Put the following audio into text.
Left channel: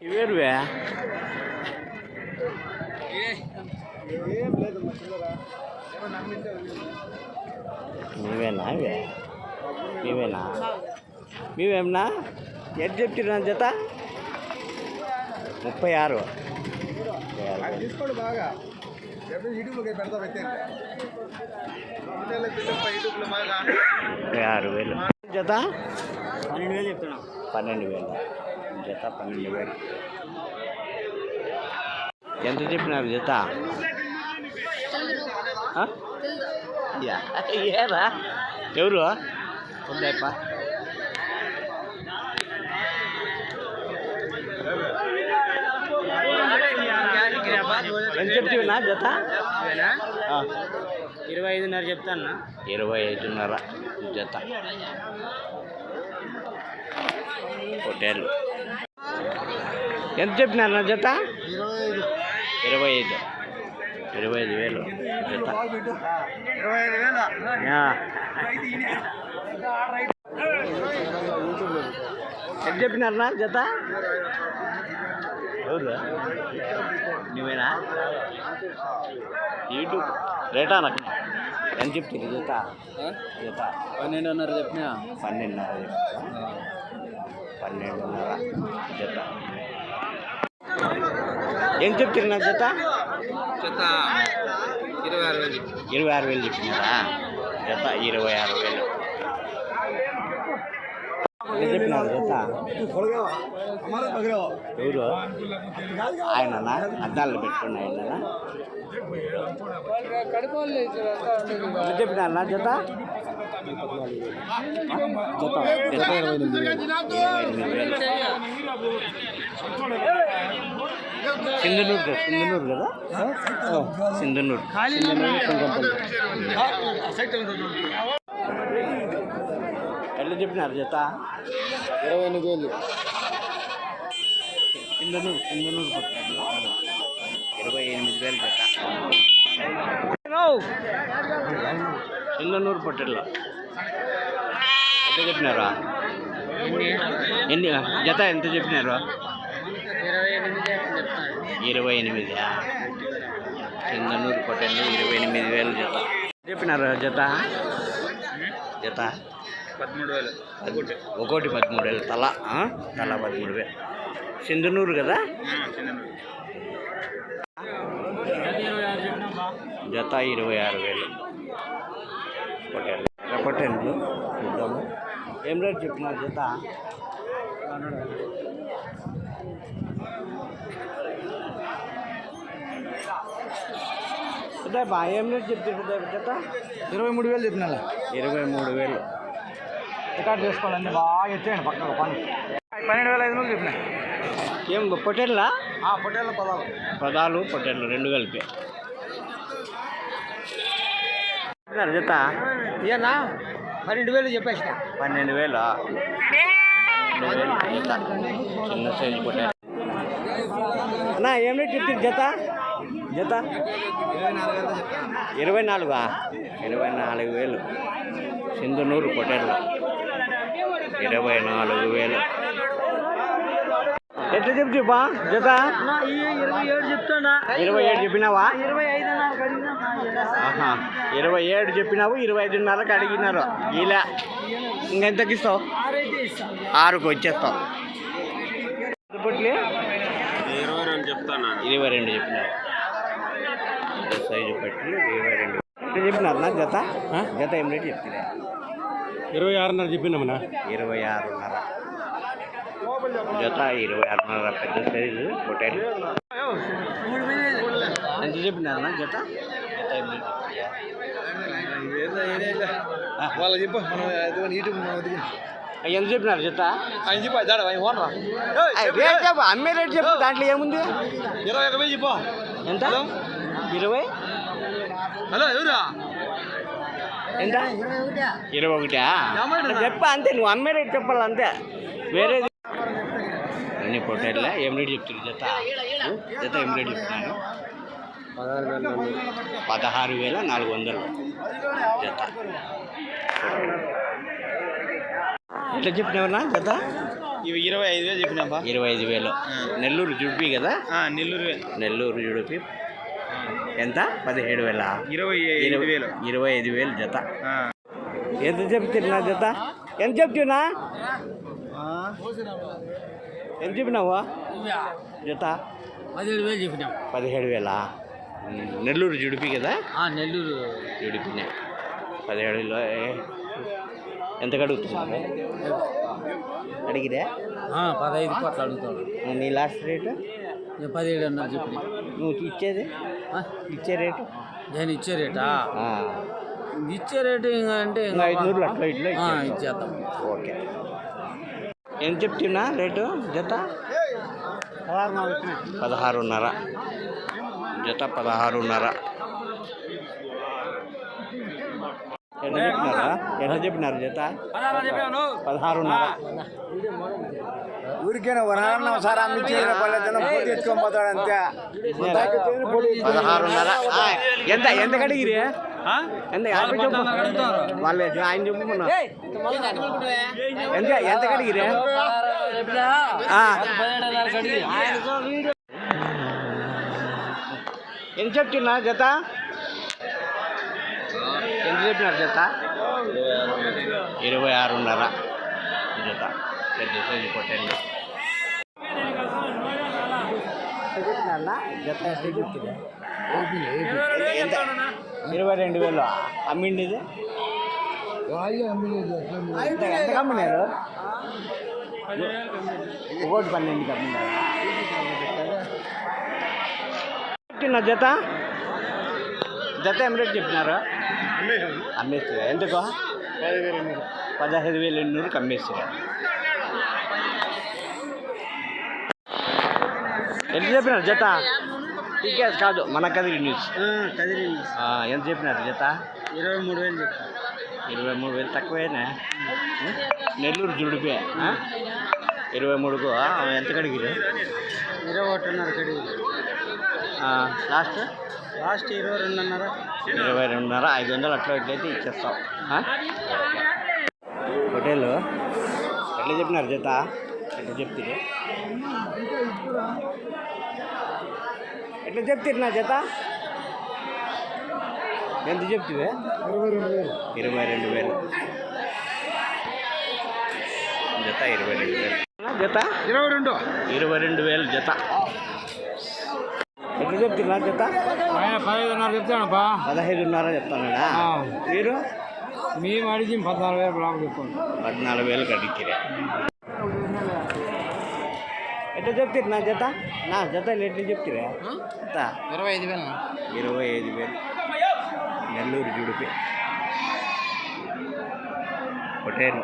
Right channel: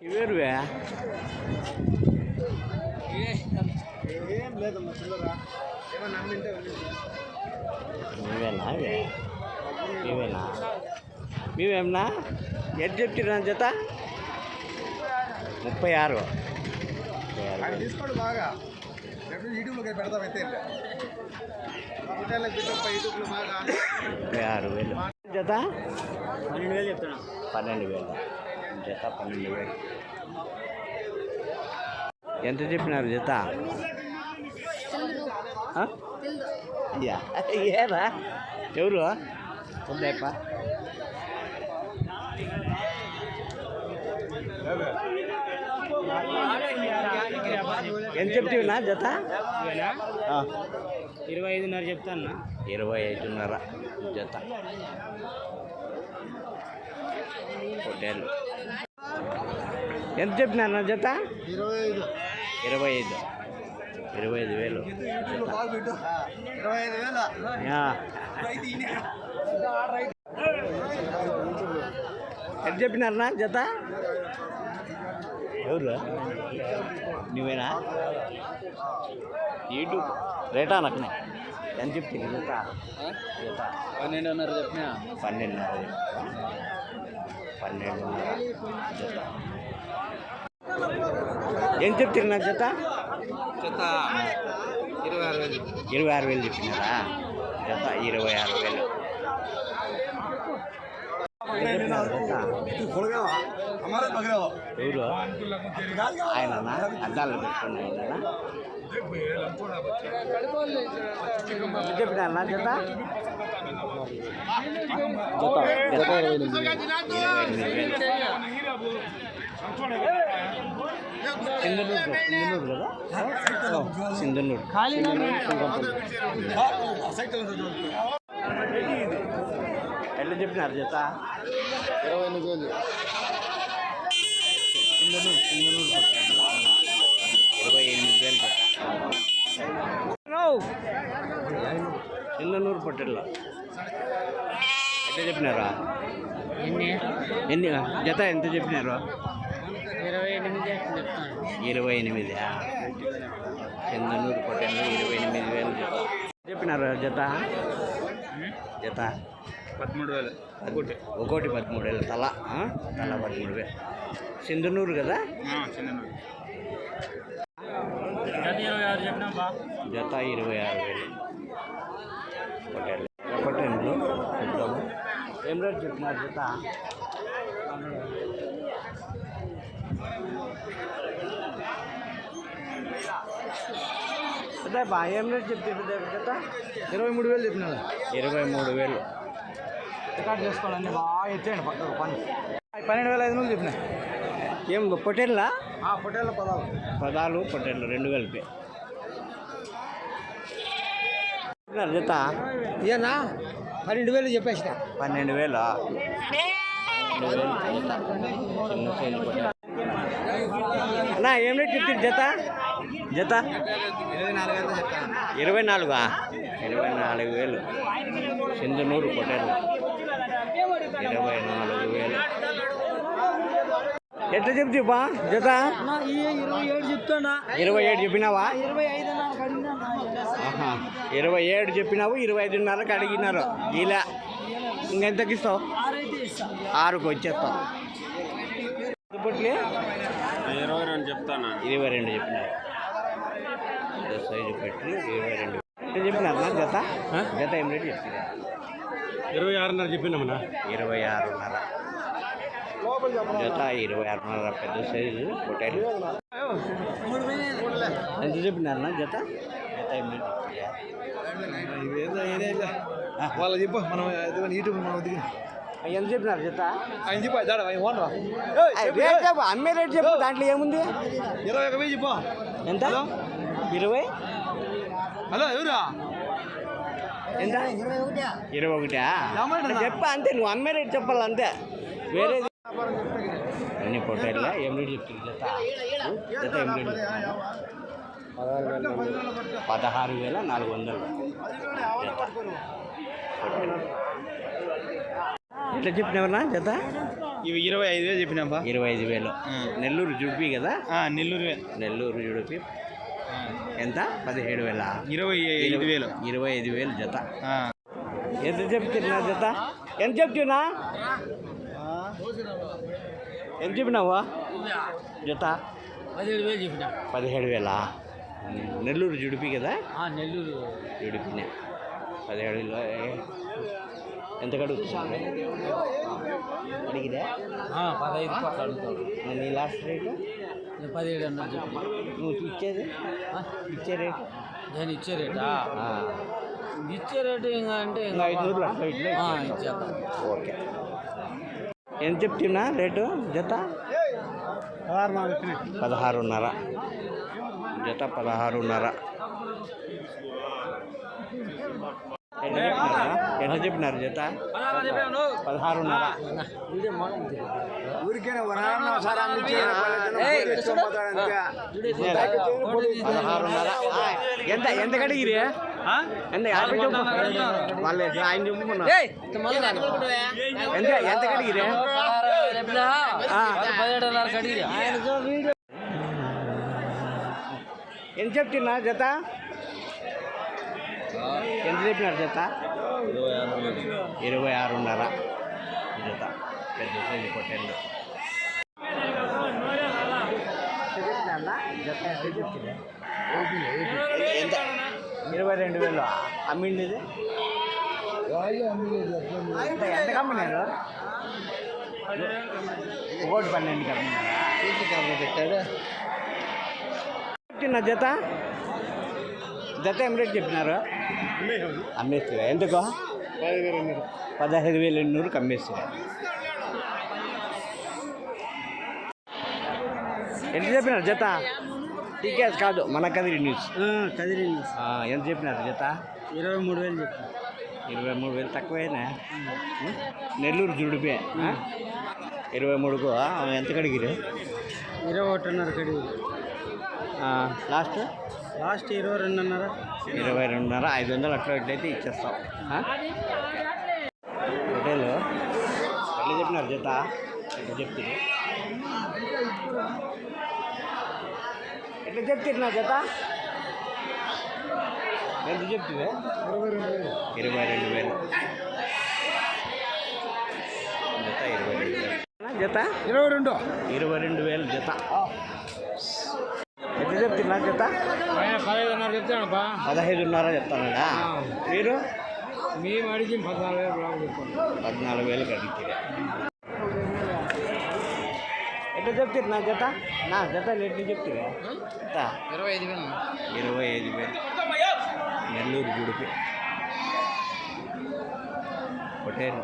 ఇవేరువే? నీవేనా ఇవే? నీవేనా మీవేమన్నా ఎంత చెప్తున్నా జత? ముప్పై ఆరు ముప్పై ఆరు వేలు. ముప్పై ఆరు జత పన్నెండు వేలు చెప్తున్నాం. పన్నెండు వేలు. జత పన్నెండు వేలు. ఎంత చెప్పినారు జత. ఏరా ఎవరు? ఉందాయప్ప ఎంత చెప్తున్నా జత. ఇరవై ఐదున్నర చెప్తాను ఇరవై ఐదున్నర జత. హోటల్. ఎంత చెప్పినారు నా జత? ఇరవై ఐదు. ఇరవై ఐదు వేలు. జత. ఎంత చెప్పినారు నా జత? ఎవరు? నువ్వేనా? యూట్యూబ్ రేటా నాకు? ఎంత చెప్తుంది జత? జత. పన్నెండున్నర చెప్పిన? పన్నెండున్నర చెప్తా పన్నెండున్నర జత. ఏం చెప్తారు నా జత చెత్త ఇరవై ఆరు వేలు. ఇరవై ఆరు వేలు చెప్పినారా జత ఇరవై ఆరు వేలు. ఏం చెప్పినారు జత ఎవరు? ఆయననా? అద్దాలు పెట్టుకున్న ఆయననా? ఎంత చెప్పినారు నా జత జత ఇరవై ఎనిమిది వేలు. సింధనూరు సింధనూరు కదా? సింధనూరు. ఎట్లా చెప్పినారు జత? ఇరవై ఎనిమిది వేలు. సింధనూరు సింధనూరు ఇరవై ఎనిమిది వేలు జత. సింధనూరు పట్టెల్లో ఎంత చెప్పినారా? ఎన్ని జత ఎంత చెప్పినారు? ఇరవై ఎనిమిది ఎనిమిది సింధనూరు పట్టెల్లో ఇరవై ఎనిమిది వేలు జత. చెప్పినారు జత? జత? పదమూడు వేలు. ఒకటి పదమూడు వేలు తల? తల పదమూడు వేలు. సింధనూరు కదా? జత ఇరవై ఆరు వేలు. పొట్టేలు ఎర్ర పొట్టేళ్ళు చూద్దాము. ఏం రేట్ చెప్పినారు జత? బా ఏం రేట్ చెప్తారు జత ఇరవై మూడు వేలు చెప్పినా ఇరవై మూడు వేలు. రికార్డ్ చేసుకోవాలండి బాగా ఎత్తండి పక్కన పని పన్నెండు వేల ఐదు వందలు చెప్పిన. ఏం పొట్టేళ్ళా? పొట్టేళ్ళ పదాలు. పదాలు పొట్టేళ్ళు రెండు కలిపి. జత ఇయన్నా పన్నెండు వేలు చెప్పేసిన. పన్నెండు వేలు? చిన్న సైజు పొట్టేలు అన్నా ఏం రేట్ చెప్తుంది జత జత? ఇరవై నాలుగు? ఇరవై నాలుగా వేలు. సింధునూరు పొట్టేళ్ళు ఇరవై నాలుగు వేలు. ఎట్లా చెప్తే బా జత? ఇరవై ఏడు చెప్తాడా? ఇరవై ఏడు చెప్పినావా? ఇరవై ఏడు చెప్పినావు ఇరవై ఐదున్నరకు అడిగినారు. ఇలా. ఇంకెంతకి ఇస్తావు? ఆరుకు వచ్చేస్తావు. ఇరవై రెండు చెప్తాను? ఇరవై రెండు చెప్పినావు. పెద్ద సైజు పట్టి ఇరవై రెండు. నా జత? జత ఏం రేటు చెప్తున్నా ఇరవై ఆరున్నర చెప్పినామన్నా ఇరవై ఆరున్నర. జత ఇరవై ఆరున్నర పెద్ద సైజు పొట్టేలు ఎంత చెప్పినారు నా జత? జత ఏం రేటు? వాళ్ళ చెప్పు మనం యూట్యూబ్ ఎంత చెప్పినారు జత? ఆయన చెప్పు దాడా ఆయన ఓనరా అయ్ రేట్ చెప్పు అమ్మే రేట్ చెప్పు దాంట్లో ఏముంది? ఇరవై ఒక వెయ్యి చెప్పు. ఎంత? ఇరవై? హలో ఎవరా? ఎంత? ఇరవై ఒకటా చెప్పా అంతే నువ్వు అమ్మే రేట్ చెప్పాలి అంతే. వేరేది అన్ని పొట్టేళ్ళ ఏం రేట్ చెప్తారు జత జత ఏం రేట్ చెప్తున్నారు. పదహారు వేల నాలుగు వందలు జత. ఎట్లా చెప్పినావన్నా జత? ఇవి ఇరవై ఐదు వేలు చెప్పినాపా ఇరవై ఐదు వేలు నెల్లూరు జుడిపి కదా? నెల్లూరు నెల్లూరు జుడిపి. ఎంత? పదిహేడు వేల. ఇరవై ఐదు వేలు. ఇరవై ఐదు వేలు జత. ఎంత చెప్తున్నా జత? ఎంత చెప్తున్నా? ఎంత చెప్పినావు? జత? పదిహేడు వేలు చెప్పినాం. పదిహేడు వేల. నెల్లూరు జుడిపి కదా? నెల్లూరు. జుడిపినే. పదిహేడు ఎంత కడుగుతున్నారు అడిగిరే పదహైదు నీ లాస్ట్ రేటు? నేను పదిహేడు అన్నారు చెప్పి. నువ్వు ఇచ్చేది? ఇచ్చే రేటు? నేను ఇచ్చే రేటా? ఇచ్చే రేటు ఇంకా అంటే ఇంకా ఐదు నూరులు అట్లా ఇట్లా. ఇచ్చేద్దాం ఓకే. ఎంత చెప్తున్నా రేటు? జత? పదహారున్నర. జత పదహారున్నర. ఎంత చెప్పినారా? ఎంత చెప్పినారు జత? పదహారున్నర. ఊరికేనా? పదహారున్నర. ఎంత ఎంత కడిగిరి? ఎంత యాభై చెప్పు. వాళ్ళు ఎట్లా ఆయన చెప్పుకున్నా ఎంత ఎంత కడిగిరి? ఎంత చెప్తున్నా జత ఎంత చెప్పినారు జత ఇరవై ఆరున్నర. జత పెద్ద సైజు పొట్టండి జత ఎంత చెప్తుంది ఎంత? ఇరవై రెండు వేలు. అమ్మిండిది ఎంత ఎంత కమ్మినారు? ఒకటి పన్నెండుకి అమ్మినారా? చెప్పిన జత? జత ఏం రేట్ చెప్పినారు? అమ్మేస్తారు ఎందుకు? పదహైదు వేలు ఎన్నూరుకి అమ్మేస్తారు ఎంత చెప్పినారు జత? టీకేస్ కాదు మన కదిరి న్యూస్ కదిరి ఆ, ఎంత చెప్పినారు జత? ఇరవై మూడు వేలు చెప్పి ఇరవై మూడు వేలు తక్కువేనా? నెల్లూరు జుడిపే? ఇరవై మూడుకు? ఎంత కడిగిరు? ఇరవై ఒకటిన్నర కడిగి లాస్ట్? లాస్ట్ ఇరవై రెండున్నర. ఇరవై రెండున్నర ఐదు వందలు అట్లా ఇట్లయితే ఇచ్చేస్తాం? హోటల్? ఎట్లా చెప్పినారు జత? ఎట్లా చెప్తుంది ఎట్లా చెప్తారు నా జత? ఎంత చెప్తుంది ఇరవై రెండు వేలు. జత ఇరవై రెండు వేలు. జత? ఇరవై రెండు. ఇరవై రెండు వేలు జత. ఎట్లా చెప్తున్నా జత? పదిహేడున్నర చెప్తానప్పా పదహైదున్నర చెప్తానడా? మీరు? మేము అడిగి పద్నాలుగు వేలు చెప్పండి పద్నాలుగు వేలు కడిగిరే ఎట్లా చెప్తారు నా జత? నా జత ఎట్లా చెప్తారా? ఇరవై ఐదు వేలు ఇరవై ఐదు వేలు. నెల్లూరు జుడిపి. హోటల్